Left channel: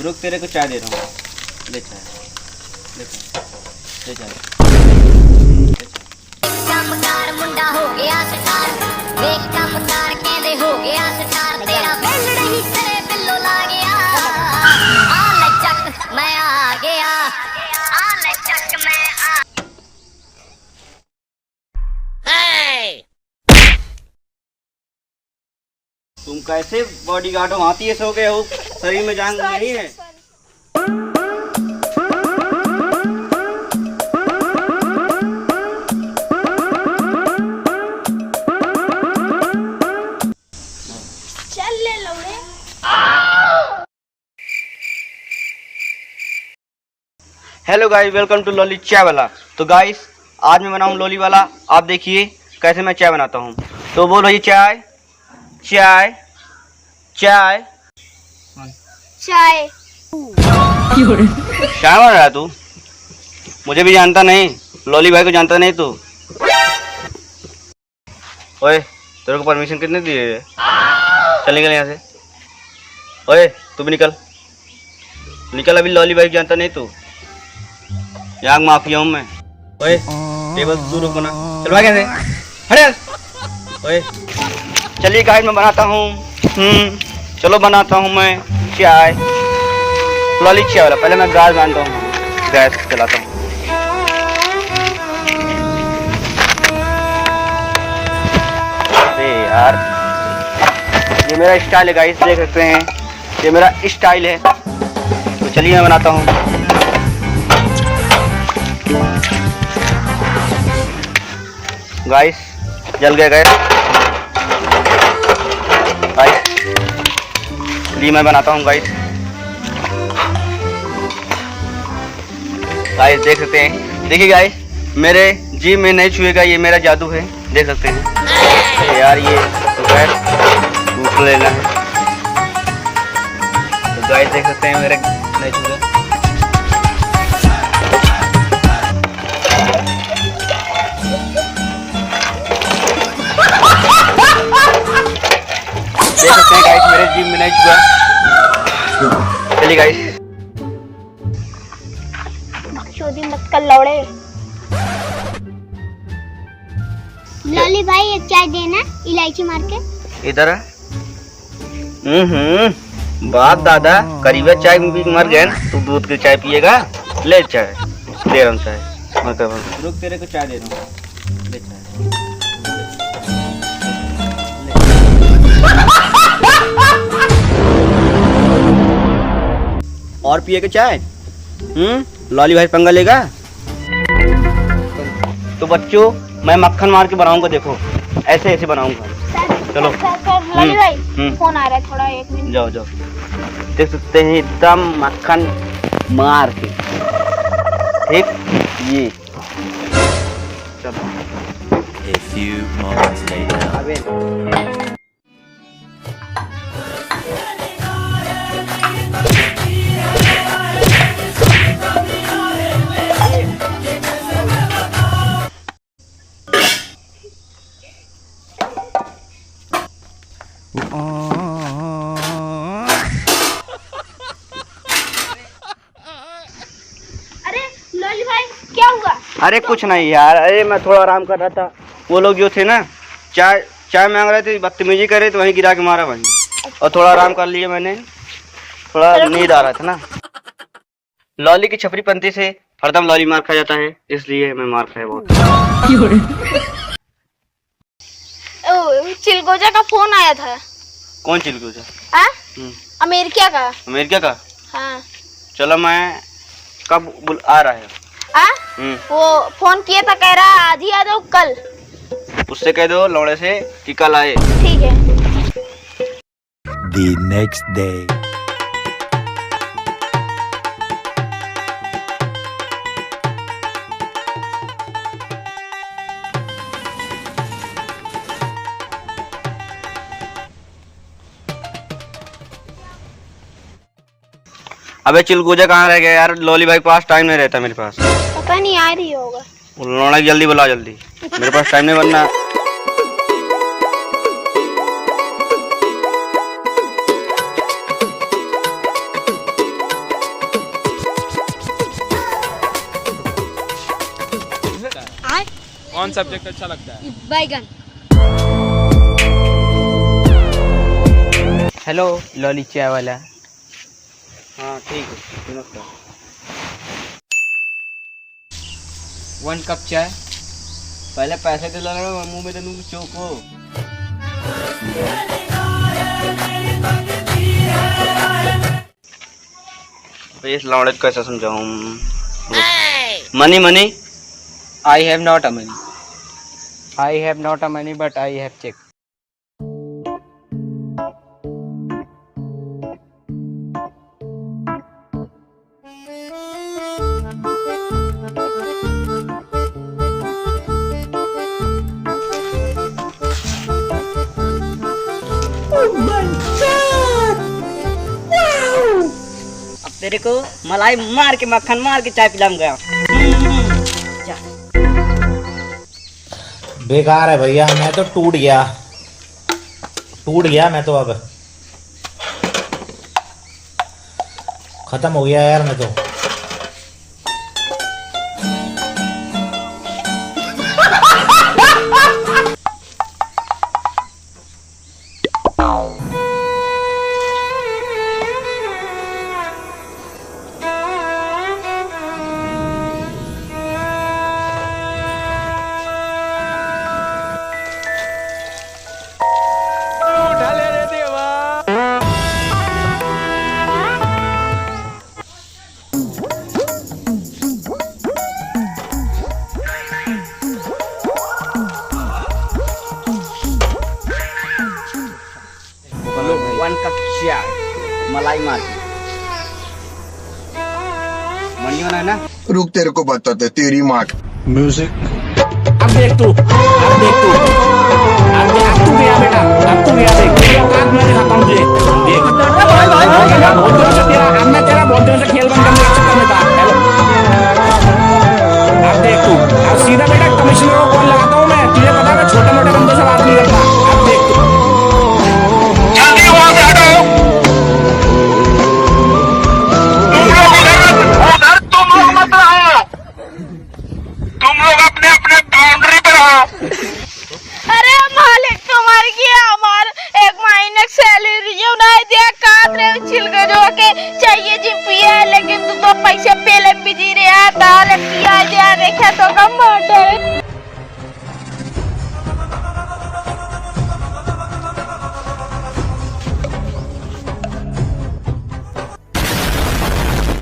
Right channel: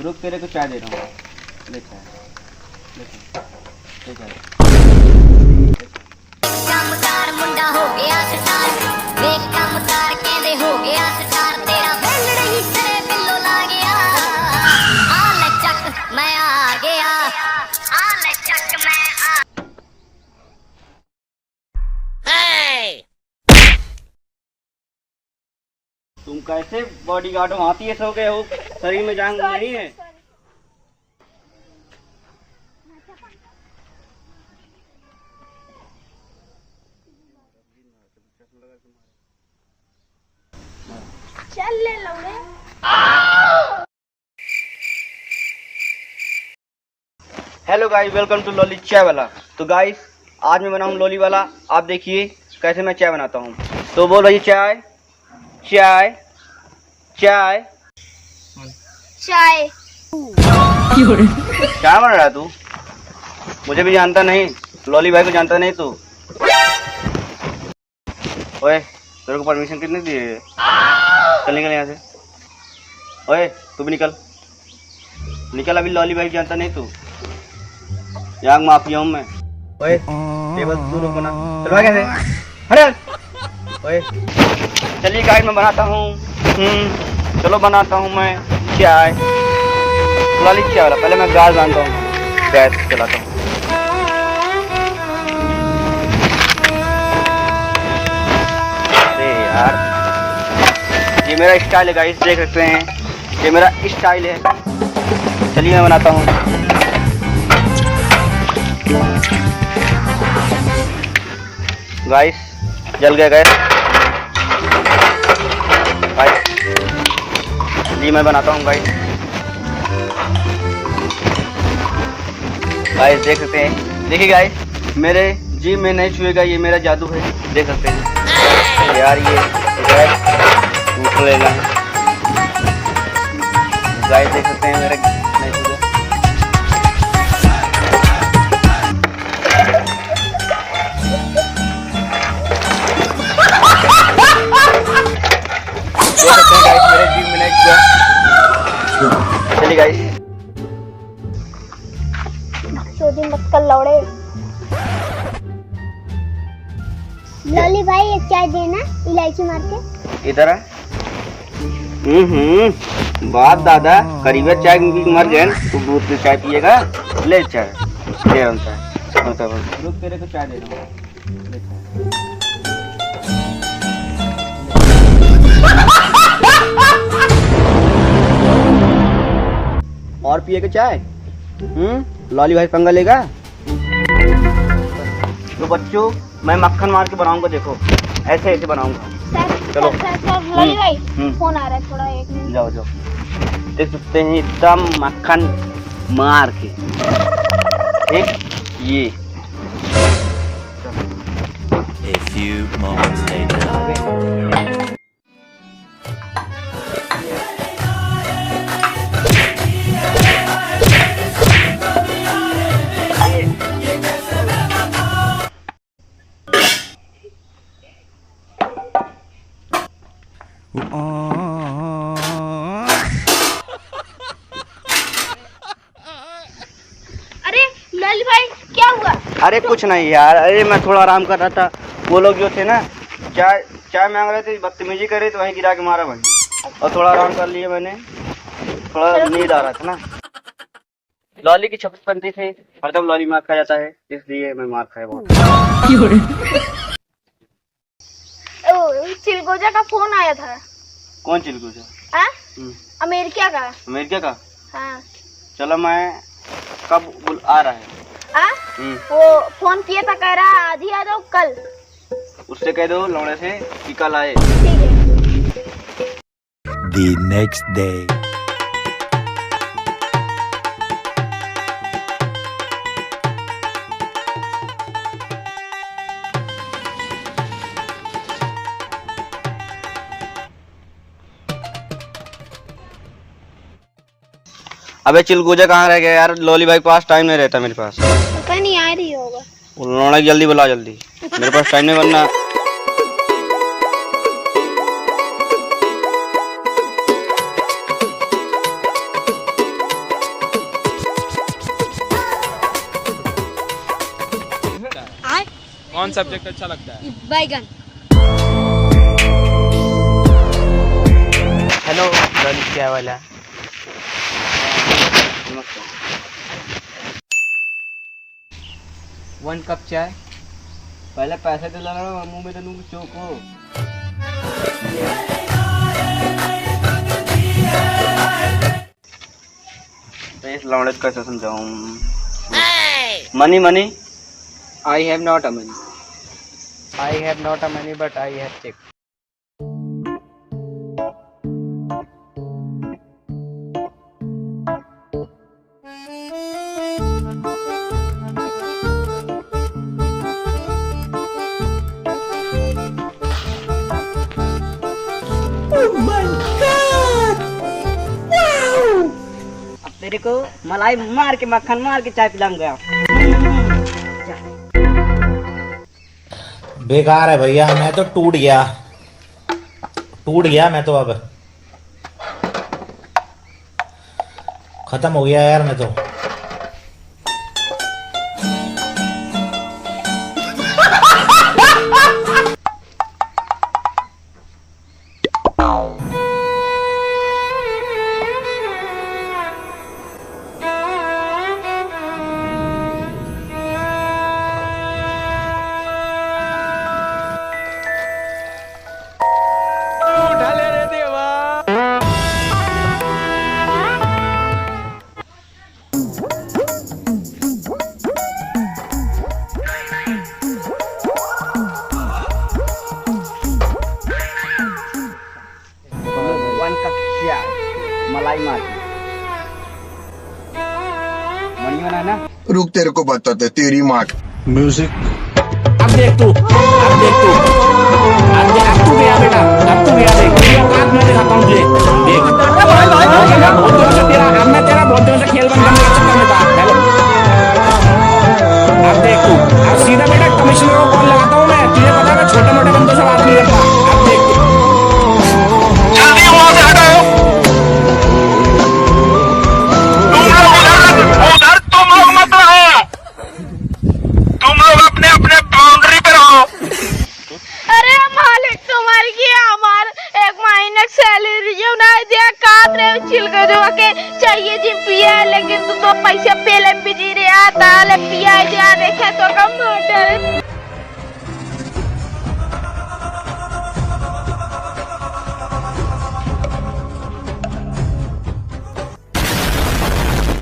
रुक, तेरे को चाय दे रहा हूँ। ले चाय, ले चाय, ले चाय। कमकार मुंडा हो गया स्टार, देख कमकार कहंदे हो गया स्टार, तेरा बेलड़ ही तेरे बिल्लो ला गया। आ ले चक मैं आ गया, आ ले चक मैं आ। तुम कैसे बॉडीगार्ड हो? हाथी ऐसे हो गए हो, शरीर में जान नहीं है। चल ले लौड़े। Hello guys, welcome to Dolly चाय वाला। तो गाइस, आज मैं बनाऊं लॉली वाला। आप देखिए कैसे मैं चाय बनाता हूँ। तो बोल भाई, चाय चाय चाय चाय क्या बन रहा है तू? मुझे भी जानता नहीं, लॉली भाई को जानता नहीं तू। ओए, तेरे को परमिशन कितने दिए है? चल निकल यहाँ से। ओए तू भी निकल निकल, अभी लॉली भाई को जानता नहीं तू। यहाँ माफिया हूँ मैं। ओए टेबल दूर रखो ना, चल भाग यहाँ से, हट। ओए चलिए गाइस, मैं बनाता हूँ। चलो बनाता हूँ मैं चाय, लॉली चाय वाला। पहले मैं गैस बांधता हूँ, गैस चलाता हूँ। अरे यार, ये मेरा स्टाइल है गाइस, देख सकते हैं, ये मेरा स्टाइल है। चलिए मैं बनाता हूँ। गाइस जल गया गैस। जी मैं बनाता हूँ गाइस। गाइस देख सकते हैं, देखिए गाइस, मेरे जी में नहीं छुएगा, ये मेरा जादू है, देख सकते हैं। यार ये गैस टूट लेगा। गाइस देख सकते हैं, मेरे नहीं छुएगा। देख सकते हैं गाइस, मेरे जिम में नहीं छुआ। चलिए गाइस, चोदी मत कर लौड़े। लॉली भाई एक चाय देना, इलायची मार के। इधर बात दादा, करीबा चाय मर गया ना, तू दूध की चाय पिएगा। ले चाय दे रहा हूँ, चाय रुक, तेरे को चाय दे रहा हूँ, ले चाय। और पिए के चाय? लॉली भाई पंगा लेगा। तो बच्चों, मैं मक्खन मार के बनाऊंगा, देखो ऐसे ऐसे बनाऊंगा। चलो लॉली भाई फोन आ रहा है, थोड़ा 1 मिनट। जाओ जाओ, देख सकते हैं एकदम मक्खन मार के, ठीक ये। A few moments later. अरे लॉली भाई क्या हुआ? अरे कुछ नहीं यार, अरे मैं थोड़ा आराम कर रहा था। वो लोग जो थे ना, चाय चाय मांग रहे थे, बदतमीजी कर रहे थे, वहीं गिरा के मारा वहीं। और थोड़ा आराम कर लिया मैंने, थोड़ा नींद आ रहा था ना। लॉली की छपरी पंथी से हरदम लॉली मार खा जाता है, इसलिए मैं मार खाया बहुत। चिलगोजा का फोन आया था। कौन चिलगोजा? अमेरिका का। अमेरिका का? हाँ। चलो मैं कब आ रहा है? वो फोन किया था, कह रहा आज ही आ जाओ कल। उससे कह दो लौड़े से कि कल आए। ठीक है। The next day. अबे चिलगोजा कहाँ रह गया यार? लॉली भाई पास टाइम नहीं रहता मेरे पास। पता नहीं आ रही होगा। लौड़ा जल्दी बुला, जल्दी, मेरे पास टाइम नहीं बनना। कौन सब्जेक्ट अच्छा लगता है? बैगन। हेलो लॉली, क्या वाला है? वन कप चाय। पहले पैसे दिला रहा मुंह में तो चौको। इस लौड़े को कैसे समझाऊं? Money money. I have not a money. I have not a money, but I have check. अब तेरे को मलाई मार के मक्खन मार के चाय पिलाऊं गया। बेकार है भैया, मैं तो टूट गया मैं तो। अब खत्म हो गया यार मैं तो। वन कप चाय मलाई मार के। मनी होना ना। रुक तेरे को बताते तेरी माँ। अब देख तू अब तू गया बेटा, अब तू गया। देख तेरी औकात मैं दिखाता हूँ तुझे। देख बहुत दिनों से तेरा, अब मैं तेरा बहुत दिनों से खेल बंद करने के चक्कर में था। हेलो अब देख तू, अब सीधा बेटा कमिश्नर को कॉल लगाता हूँ मैं। तुझे पता है मैं छोटे मोटे बंदों से बात नहीं करता। अब देख तू। अरे मालिक तुम्हारी की हमार एक महीने की सैलरी जो नहीं दिया काट रहे छिलके जो के चाहिए जी पिया, लेकिन तू तो पैसे पहले भी दी रहा था। पिया जा देखे तो कम मोटे